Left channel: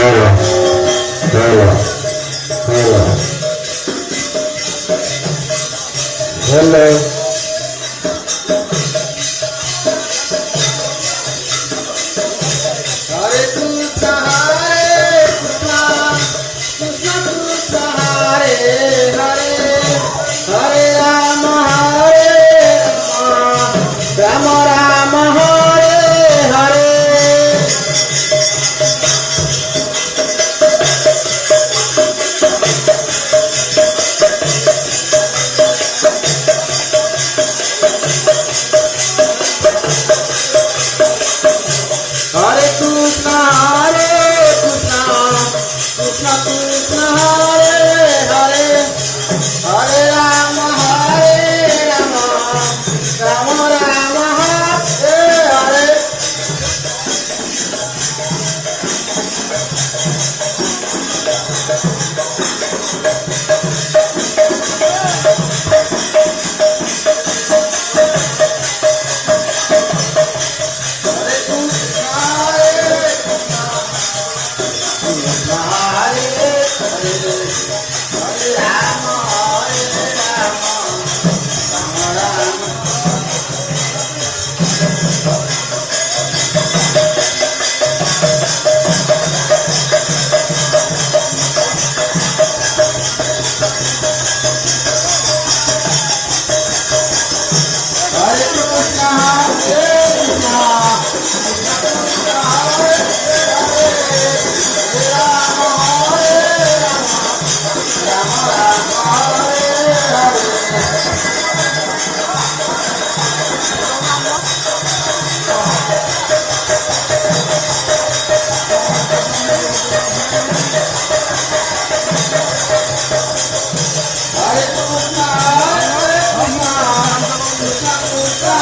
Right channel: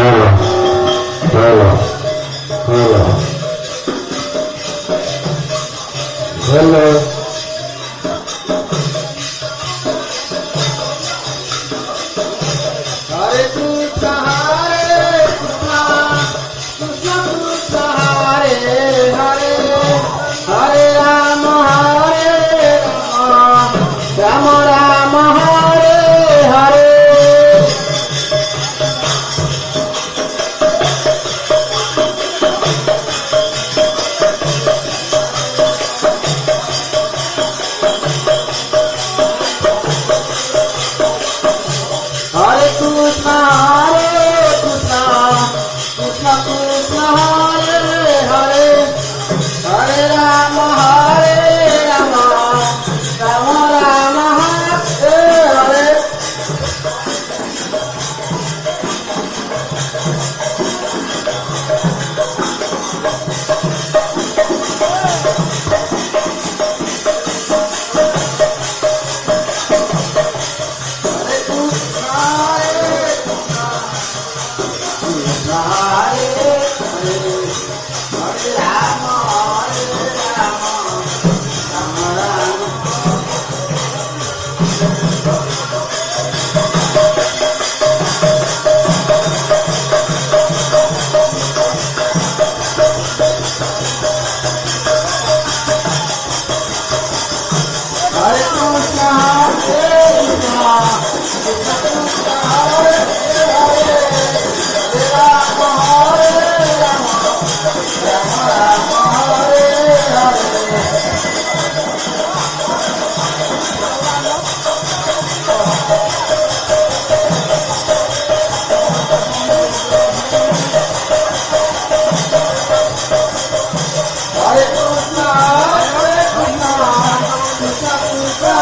Hello, hello, hello, hello. Hare Krishna, Hare Krishna, Krishna Krishna, Hare Hare, Hare Rama, Hare Rama, Rama Rama, Hare Hare. Hare Krishna, Hare Krishna, Krishna Krishna, Hare Hare, Hare Rama, Hare Rama, Rama Rama, Hare Hare. Hare Krishna, Hare Krishna, Hare Hare, Hare Rama, Hare Rama, Rama Rama. Hare Krishna, Hare Krishna, Krishna Krishna, Hare Hare, Hare Rama, Hare Rama, Rama Rama, Hare Hare. Hare Krishna, Hare Krishna, Krishna Krishna,